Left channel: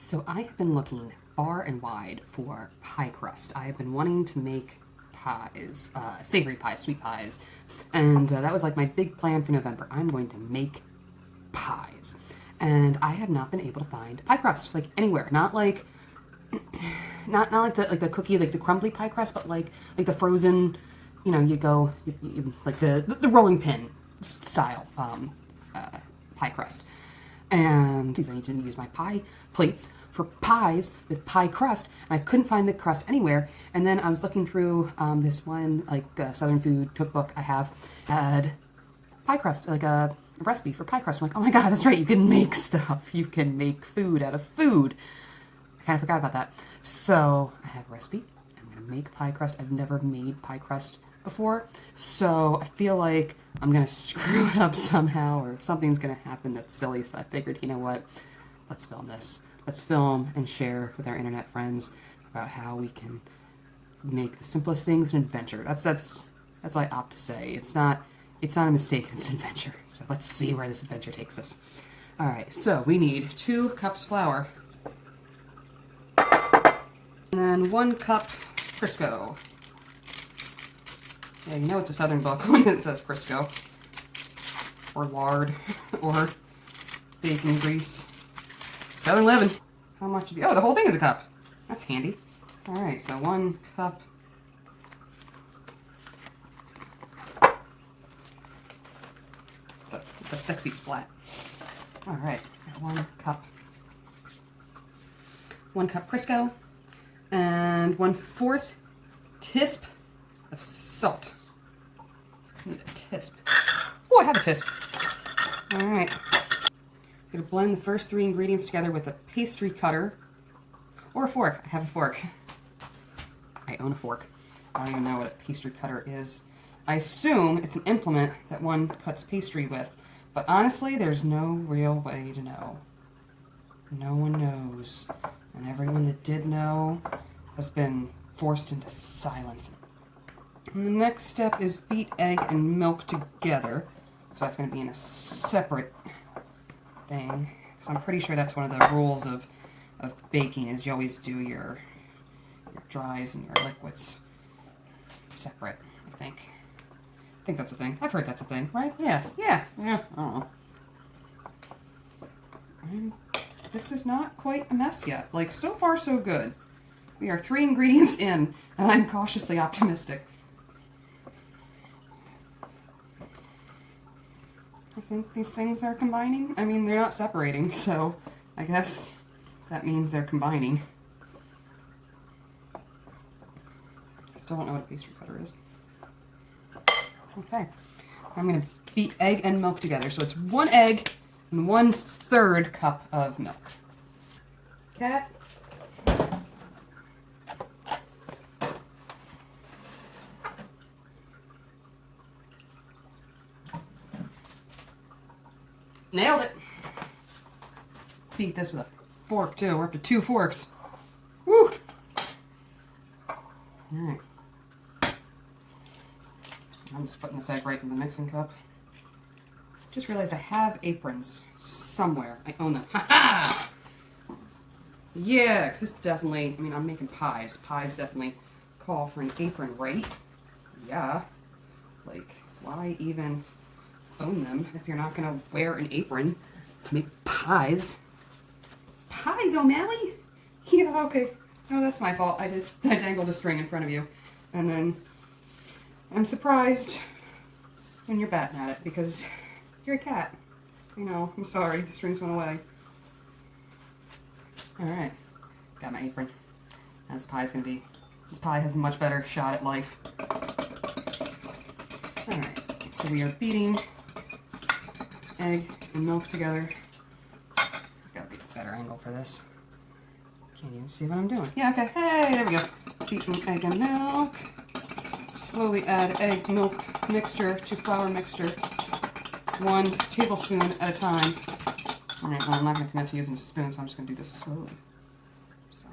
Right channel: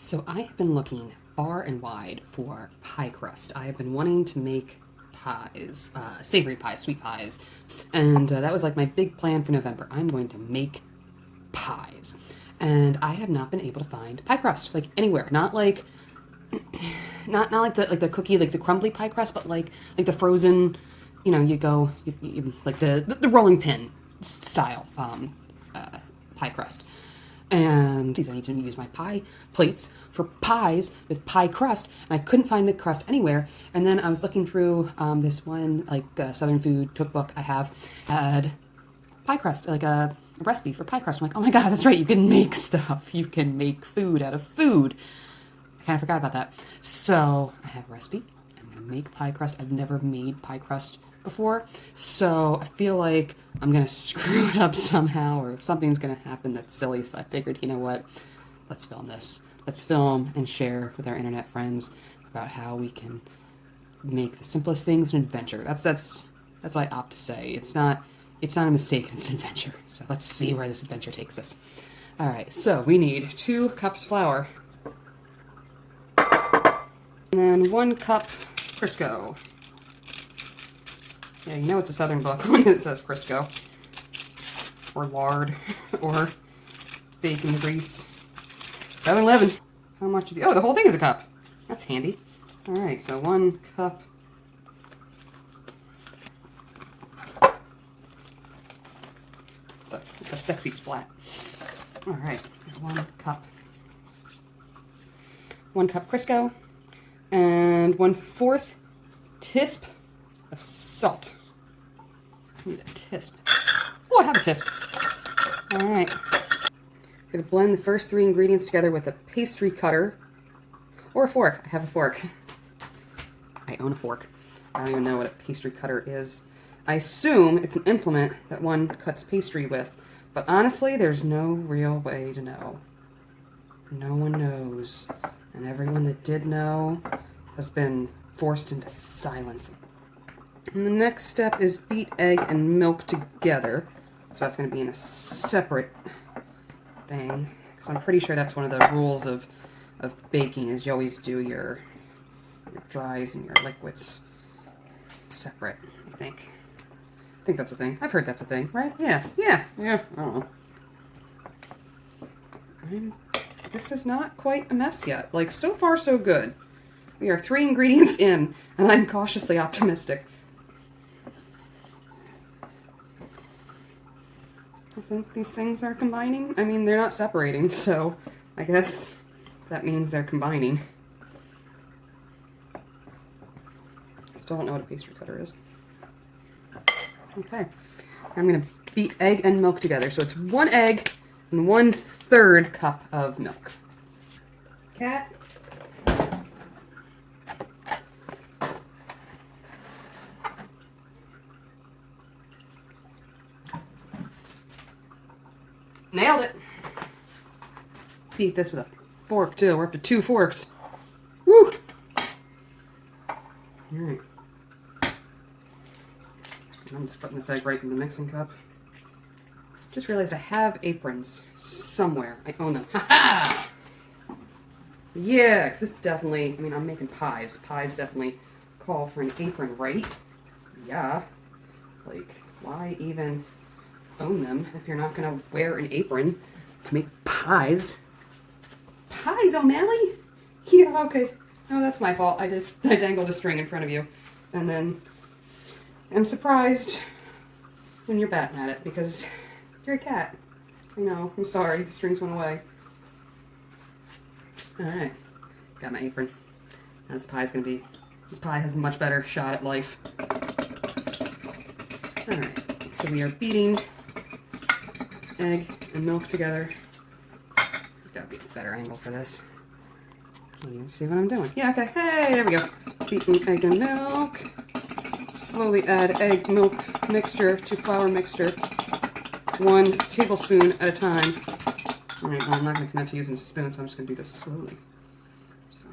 So I have been looking far and wide for pie crust. I have been wanting to make pies, savory pies, sweet pies, and that was like my big plan for November. I'm going to make pies, and I have not been able to find pie crust like anywhere. Not like, not like the cookie, like the crumbly pie crust, but like the frozen. You know, you like the rolling pin style pie crust. And I need to use my pie plates for pies with pie crust, and I couldn't find the crust anywhere. And then I was looking through this one, like Southern food cookbook I have, had pie crust, like a recipe for pie crust. I'm like, oh my god, that's right, you can make stuff. You can make food out of food. I kind of forgot about that. So I have a recipe. I'm going to make pie crust. I've never made pie crust before, so I feel like I'm gonna screw it up somehow, or something's gonna happen that's silly. So I figured, you know what, let's film this. Let's film and share with our internet friends about how we can make the simplest things an adventure. That's what I opt to say. It's not a mistake, it's an adventure. So let's see where this adventure takes us. All right, so we need 2 cups flour, and then 1 cup Crisco. Yeah, you know it's a Southern book when it says Crisco. Or lard. Or bacon grease. 7-Eleven. How much of you? Oh, the whole thing is a cup. That's handy. Alright, so 1 cup. It's a sexy splat. Alright, 1 cup. 1 cup Crisco. And 1/4 tisp of salt. I need a tisp. Oh, I have a tisp. Alright. I'm going to blend the first 3 ingredients together with a pastry cutter. Or a fork. I have a fork. I own a fork. I don't even know what a pastry cutter is. I assume it's an implement that one cuts pastry with. But honestly, there's no real way to know. No one knows. And everyone that did know has been forced into silence. And the next step is beat egg and milk together. So that's going to be in a separate thing. Because I'm pretty sure that's one of the rules of baking, is you always do your dries and your liquids separate, I think. I think that's a thing. I've heard that's a thing, right? Yeah. I don't know. This is not quite a mess yet. Like, so far so good. We are 3 ingredients in, and I'm cautiously optimistic. I think these things are combining. I mean, they're not separating, so I guess that means they're combining. I still don't know what a pastry cutter is. Okay. I'm going to beat egg and milk together. So it's 1 egg and 1/3 cup of milk. Cat. Nailed it. Beat this with a fork, too. We're up to 2 forks. Woo! Alright. I'm just putting this egg right in the mixing cup. Just realized I have aprons somewhere. I own them. Ha-ha! Yeah, because this definitely, I mean, I'm making pies. Pies definitely call for an apron, right? Yeah. Like, why even own them if you're not going to wear an apron to make pies? Pies, O'Malley? Yeah, okay. No, that's my fault. I dangled a string in front of you. And then I'm surprised when you're batting at it, because you're a cat. You know, I'm sorry. The strings went away. Alright. Got my apron. Now this pie has a much better shot at life. Alright. So we are beating egg and milk together. There's got to be a better angle for this. Can't even see what I'm doing. Yeah, okay. Hey, there we go. Beating egg and milk. Slowly add egg milk mixture to flour mixture. 1 tablespoon at a time. Alright, well, I'm not going to commit to using a spoon, so I'm just going to do this slowly. So.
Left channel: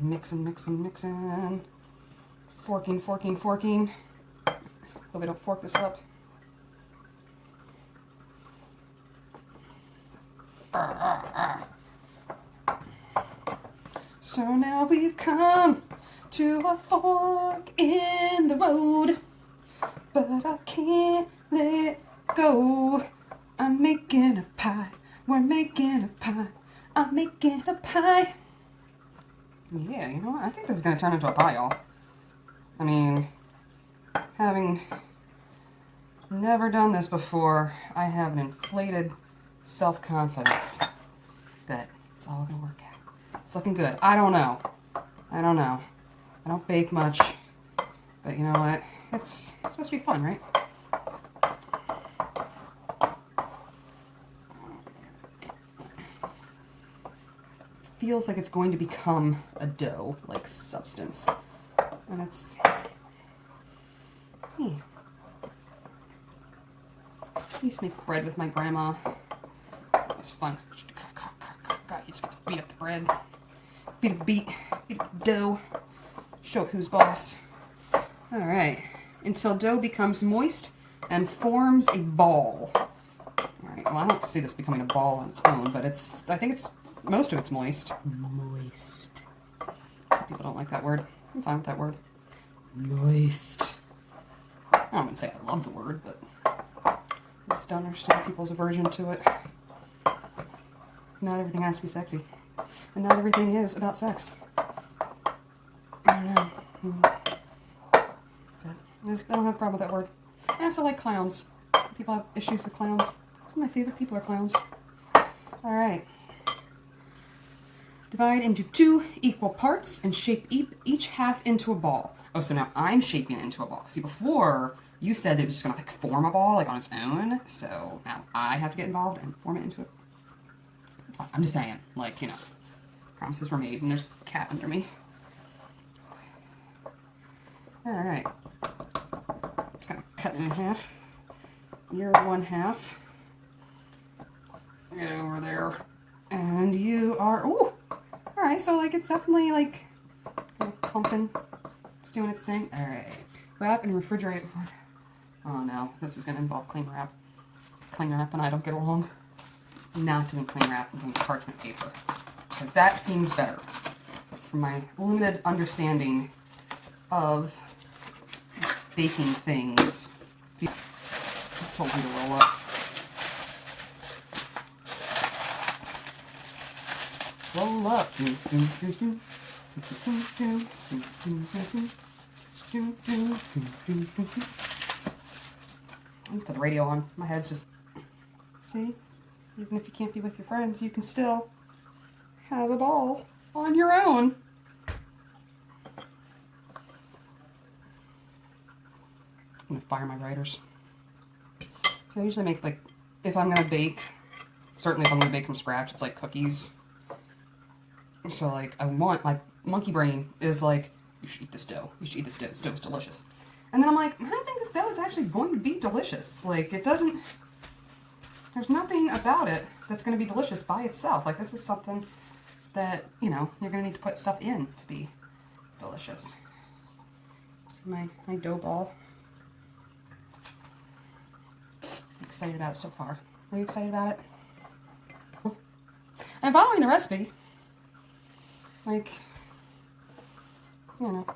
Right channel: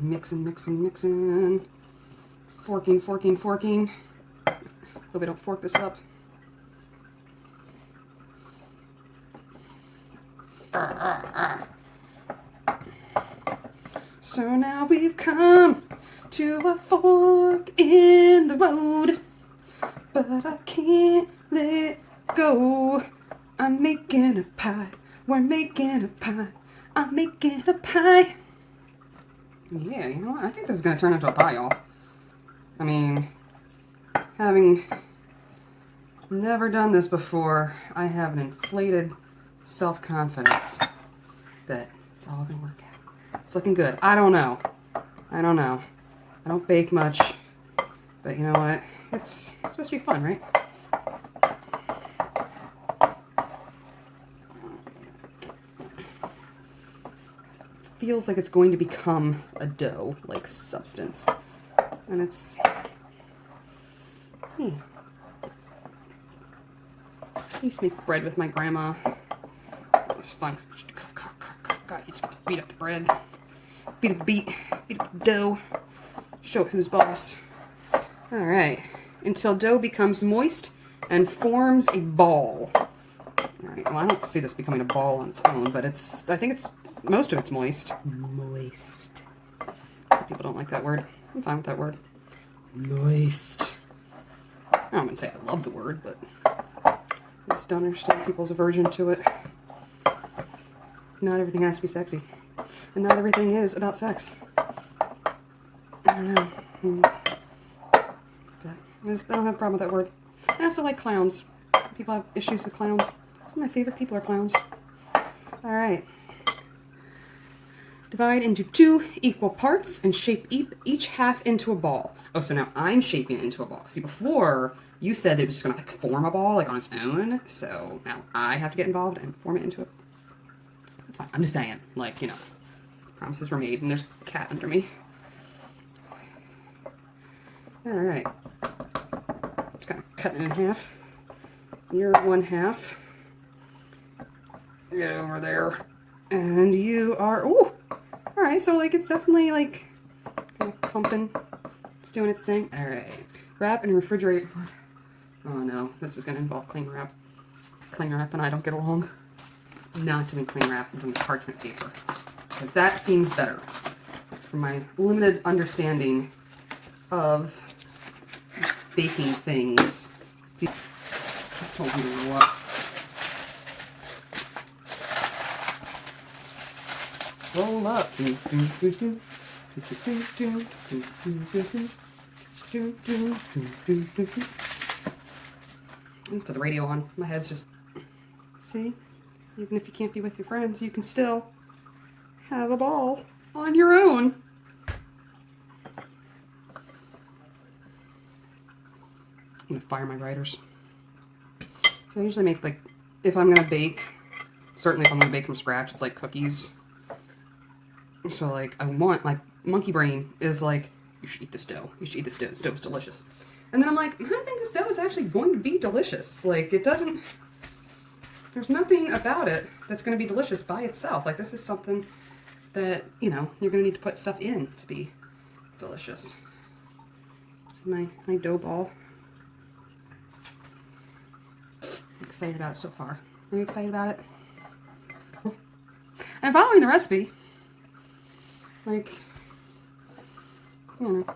Mixing. Forking. Hope I don't fork this up. So now we've come to a fork in the road, but I can't let go. I'm making a pie. We're making a pie. I'm making a pie. Yeah, you know what? I think this is going to turn into a pie, y'all. I mean, having never done this before, I have an inflated self-confidence that it's all going to work out. It's looking good. I don't know. I don't bake much, but you know what? It's supposed to be fun, right? Feels like it's going to become a dough-like substance. And it's... I used to make bread with my grandma. It was fun. God, you just have to beat up the bread. Beat up the dough. Show who's boss. Alright. Until dough becomes moist and forms a ball. Alright, well I don't see this becoming a ball on its own, but I think most of it's moist. Moist. People don't like that word. I'm fine with that word. Moist. I wouldn't say I love the word, but I just don't understand people's aversion to it. Not everything has to be sexy. And not everything is about sex. I don't know. But I don't have a problem with that word. I also like clowns. People have issues with clowns. Some of my favorite people are clowns. Alright. Divide into 2 equal parts and shape each half into a ball. Oh, so now I'm shaping it into a ball. See, before you said it was just going to like form a ball like on its own. So now I have to get involved and form it into it. That's fine. I'm just saying, like, you know, promises were made and there's a cat under me. Alright. Just kind of cut it in half. You're 1/2. Get over there. And you are, ooh! Alright, so like it's definitely like kind of pumping. It's doing its thing. Alright. Wrap and refrigerate. Oh no, this is going to involve cling wrap. Cling wrap and I don't get along. I'm not doing cling wrap, I'm doing parchment paper. Because that seems better. From my limited understanding of baking things. I told you to roll up. Roll up. Put the radio on. My head's just... See? Even if you can't be with your friends, you can still have a ball on your own. I'm gonna fire my writers. So I usually make, like, if I'm gonna bake, certainly if I'm gonna bake from scratch, it's like cookies. So, like, my monkey brain is like, you should eat this dough. You should eat this dough. This dough is delicious. And then I'm like, I don't think this dough is actually going to be delicious. Like, it doesn't, there's nothing about it that's going to be delicious by itself. Like, this is something that, you know, you're going to need to put stuff in to be delicious. So my dough ball. I'm excited about it so far. Are you excited about it? I'm following the recipe. Like, I don't know.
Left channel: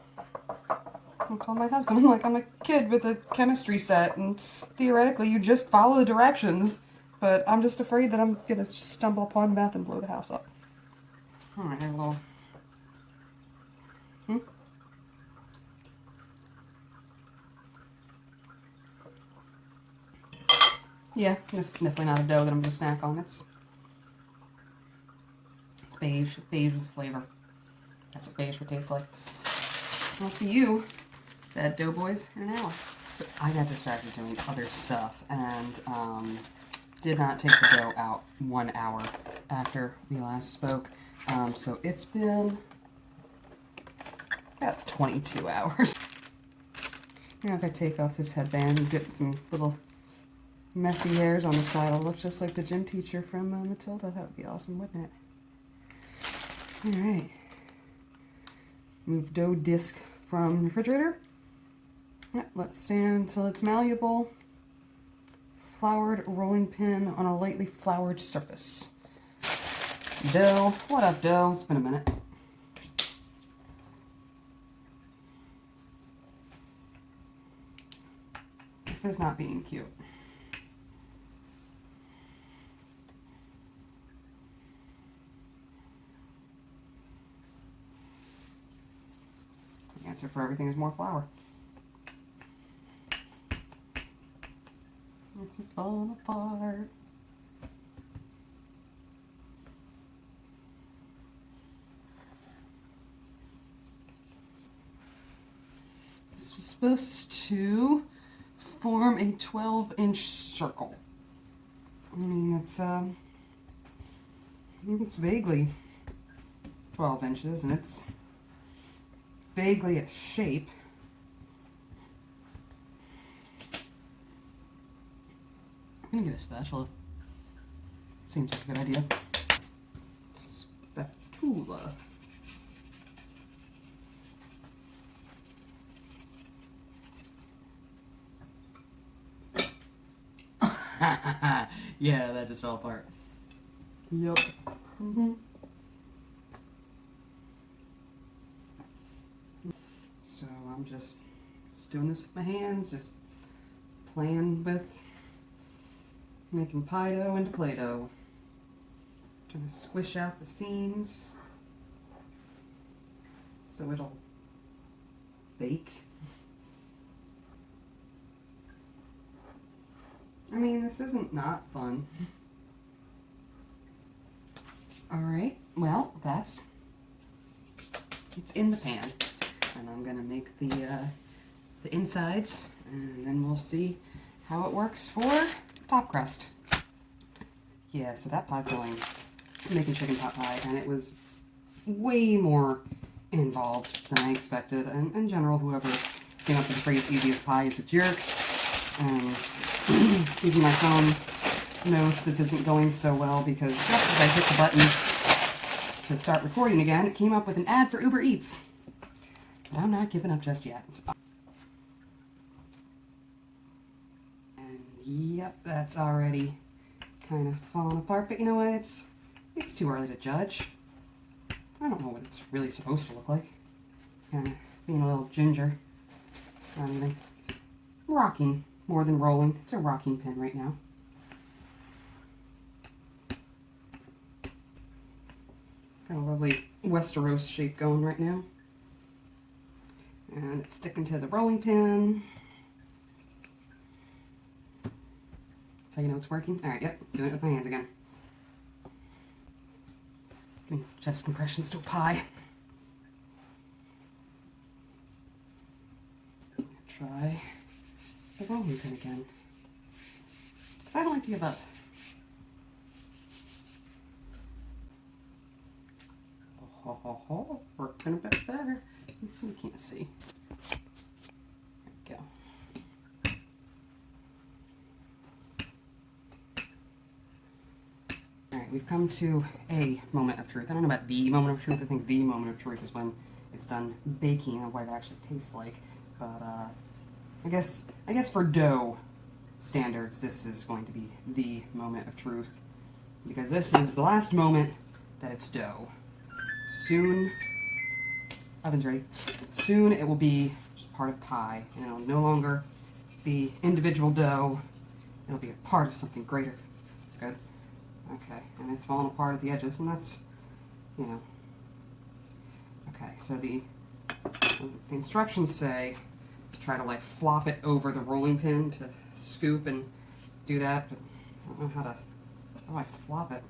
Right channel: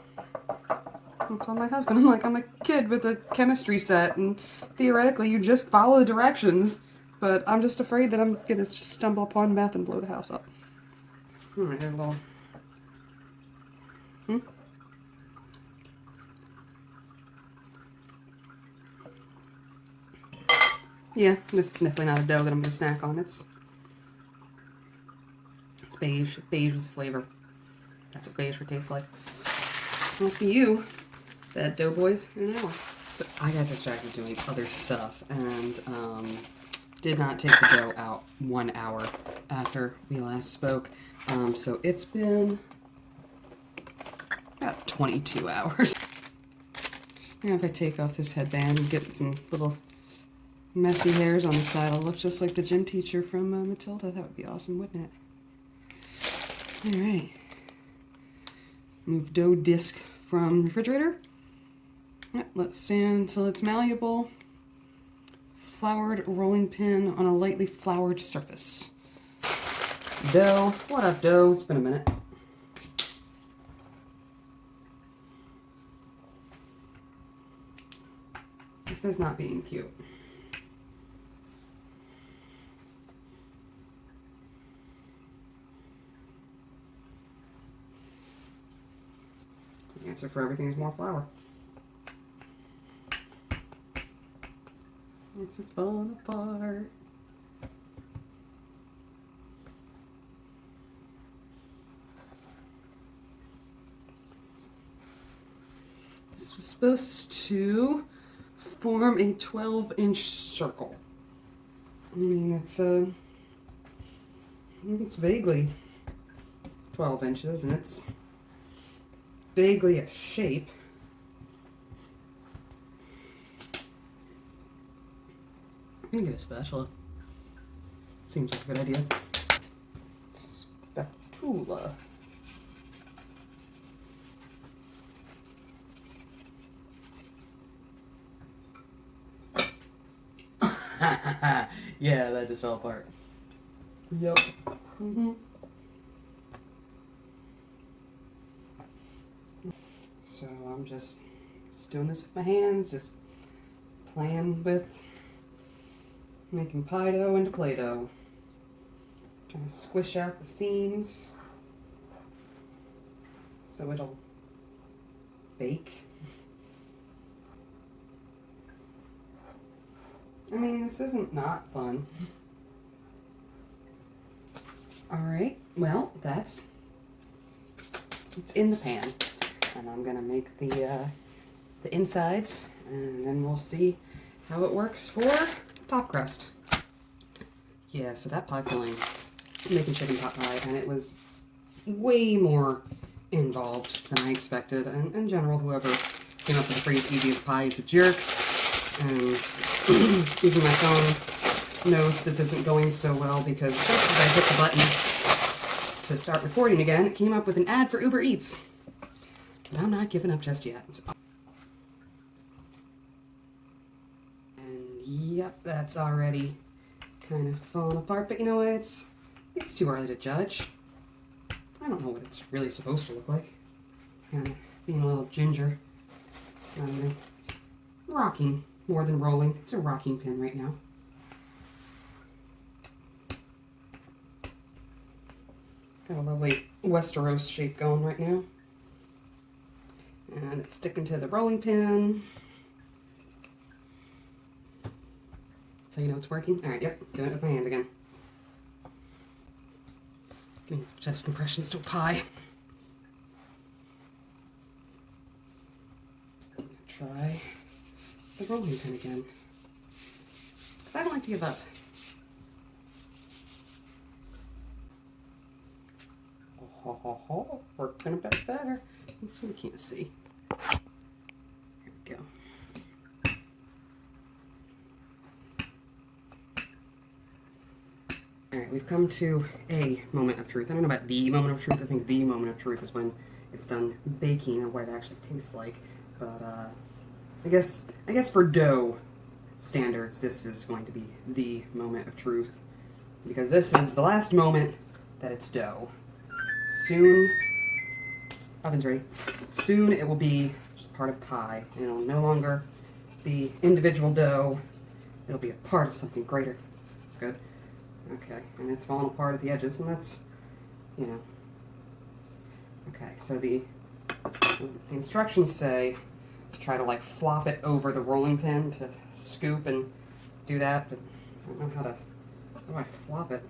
I'm telling my husband, I'm like, I'm a kid with a chemistry set, and theoretically you just follow the directions, but I'm just afraid that I'm going to just stumble upon the math and blow the house up. Alright, a little... Yeah, this is definitely not a dough that I'm going to snack on. It's beige. Beige is the flavor. That's what beige would taste like. I'll see you, Bad Dough Boys, in an hour. So I got distracted doing other stuff and did not take the dough out 1 hour after we last spoke. So it's been about 22 hours. You know, if I take off this headband and get some little messy hairs on the side, I'll look just like the gym teacher from Matilda. That would be awesome, wouldn't it? Alright. Move dough disc from refrigerator. Let stand until it's malleable. Floured rolling pin on a lightly floured surface. Dough. What up, dough? It's been a minute. This is not being cute. The answer for everything is more flour. It's falling apart. This was supposed to form a 12-inch circle. I mean, it's vaguely 12 inches, and it's vaguely a shape. I'm gonna get a spatula. Seems like a good idea. Spatula. Yeah, that just fell apart. Yep. Mm-hmm. So I'm just doing this with my hands, just playing with making pie dough into Play-Doh. Trying to squish out the seams so it'll bake. I mean, this isn't not fun. Alright, well, it's in the pan. And I'm gonna make the insides, and then we'll see how it works for top crust. Yeah, so that pie filling, I'm making chicken pot pie, and it was way more involved than I expected. And in general, whoever came up with the phrase easiest pie is a jerk. And even my phone knows this isn't going so well, because just as I hit the button to start recording again, it came up with an ad for Uber Eats. But I'm not giving up just yet. And yep, that's already kind of falling apart, but you know what, it's too early to judge. I don't know what it's really supposed to look like. Kind of being a little ginger. Not even rocking. More than rolling. It's a rocking pin right now. Got a lovely Westeros shape going right now. And it's sticking to the rolling pin. So you know it's working. Alright, yep, doing it with my hands again. Getting chest compressions to a pie. Try the rolling pin again. Because I don't like to give up. Oh, working a bit better. You still can't see. There we go. Alright, we've come to a moment of truth. I don't know about the moment of truth. I think the moment of truth is when it's done baking or what it actually tastes like. But I guess for dough standards, this is going to be the moment of truth, because this is the last moment that it's dough. Soon, oven's ready. Soon it will be just part of pie, and it'll no longer be individual dough. It'll be a part of something greater. Good. Okay, and it's falling apart at the edges, and that's, you know. Okay, so the instructions say try to like flop it over the rolling pin to scoop and do that, but I don't know how do I flop it?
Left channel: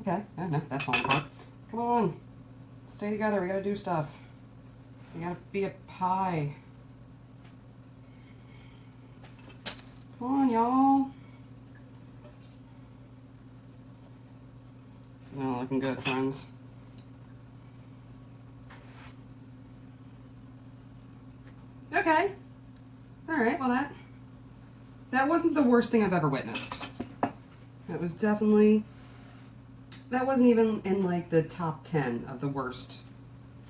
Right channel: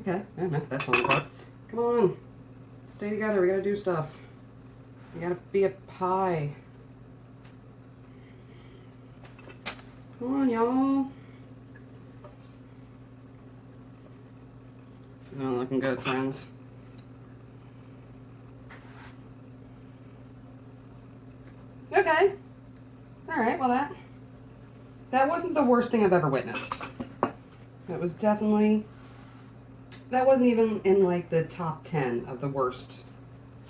Okay, yeah, no, that's falling apart. Come on, stay together, we gotta do stuff. We gotta be a pie. Come on, y'all. It's not looking good, friends. Okay. Alright, well that wasn't the worst thing I've ever witnessed. It was definitely, that wasn't even in like the top 10 of the worst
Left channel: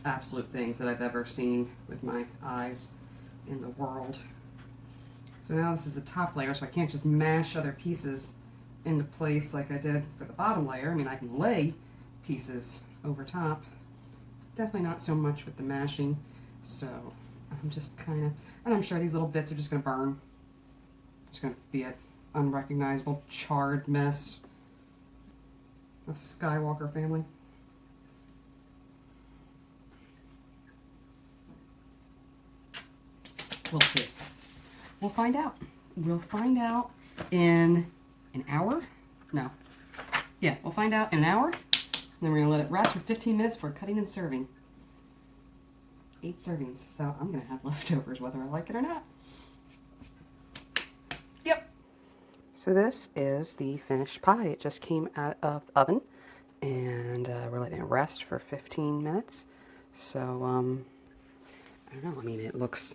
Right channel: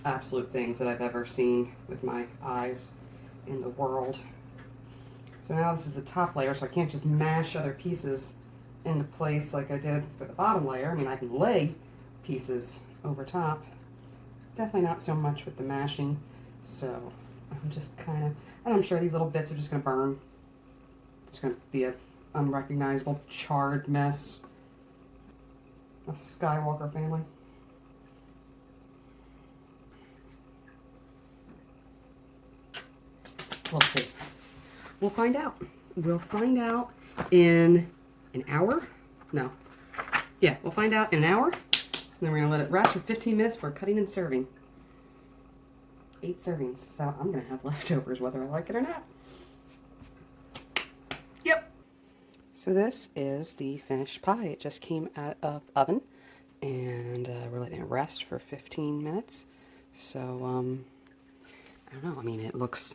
absolute things that I've ever seen with my eyes in the world. So now this is the top layer, so I can't just mash other pieces into place like I did for the bottom layer. I mean, I can lay pieces over top. Definitely not so much with the mashing. So I'm just kind of, and I'm sure these little bits are just going to burn. It's going to be an unrecognizable, charred mess. A Skywalker family. We'll see. We'll find out. We'll find out in an hour? No. Yeah, we'll find out in an hour. Then we're going to let it rest for 15 minutes before cutting and serving. 8 servings. So I'm going to have leftovers whether I like it or not. Yep. So this is the finished pie. It just came out of the oven. And we're letting it rest for 15 minutes. So, I don't know. I mean, it looks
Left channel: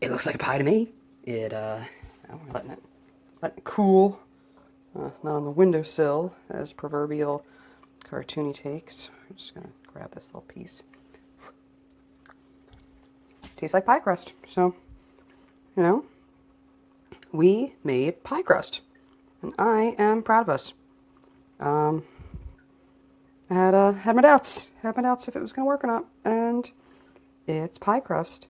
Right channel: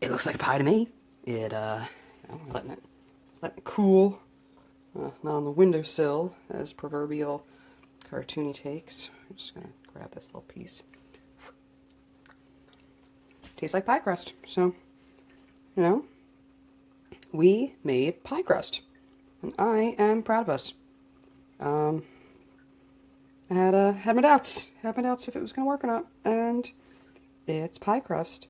like a pie to me. We're letting it cool. Not on the windowsill, as proverbial cartoony takes. I'm just going to grab this little piece. Tastes like pie crust. So, you know, we made pie crust. And I am proud of us. I had my doubts. Had my doubts if it was going to work or not. And it's pie crust.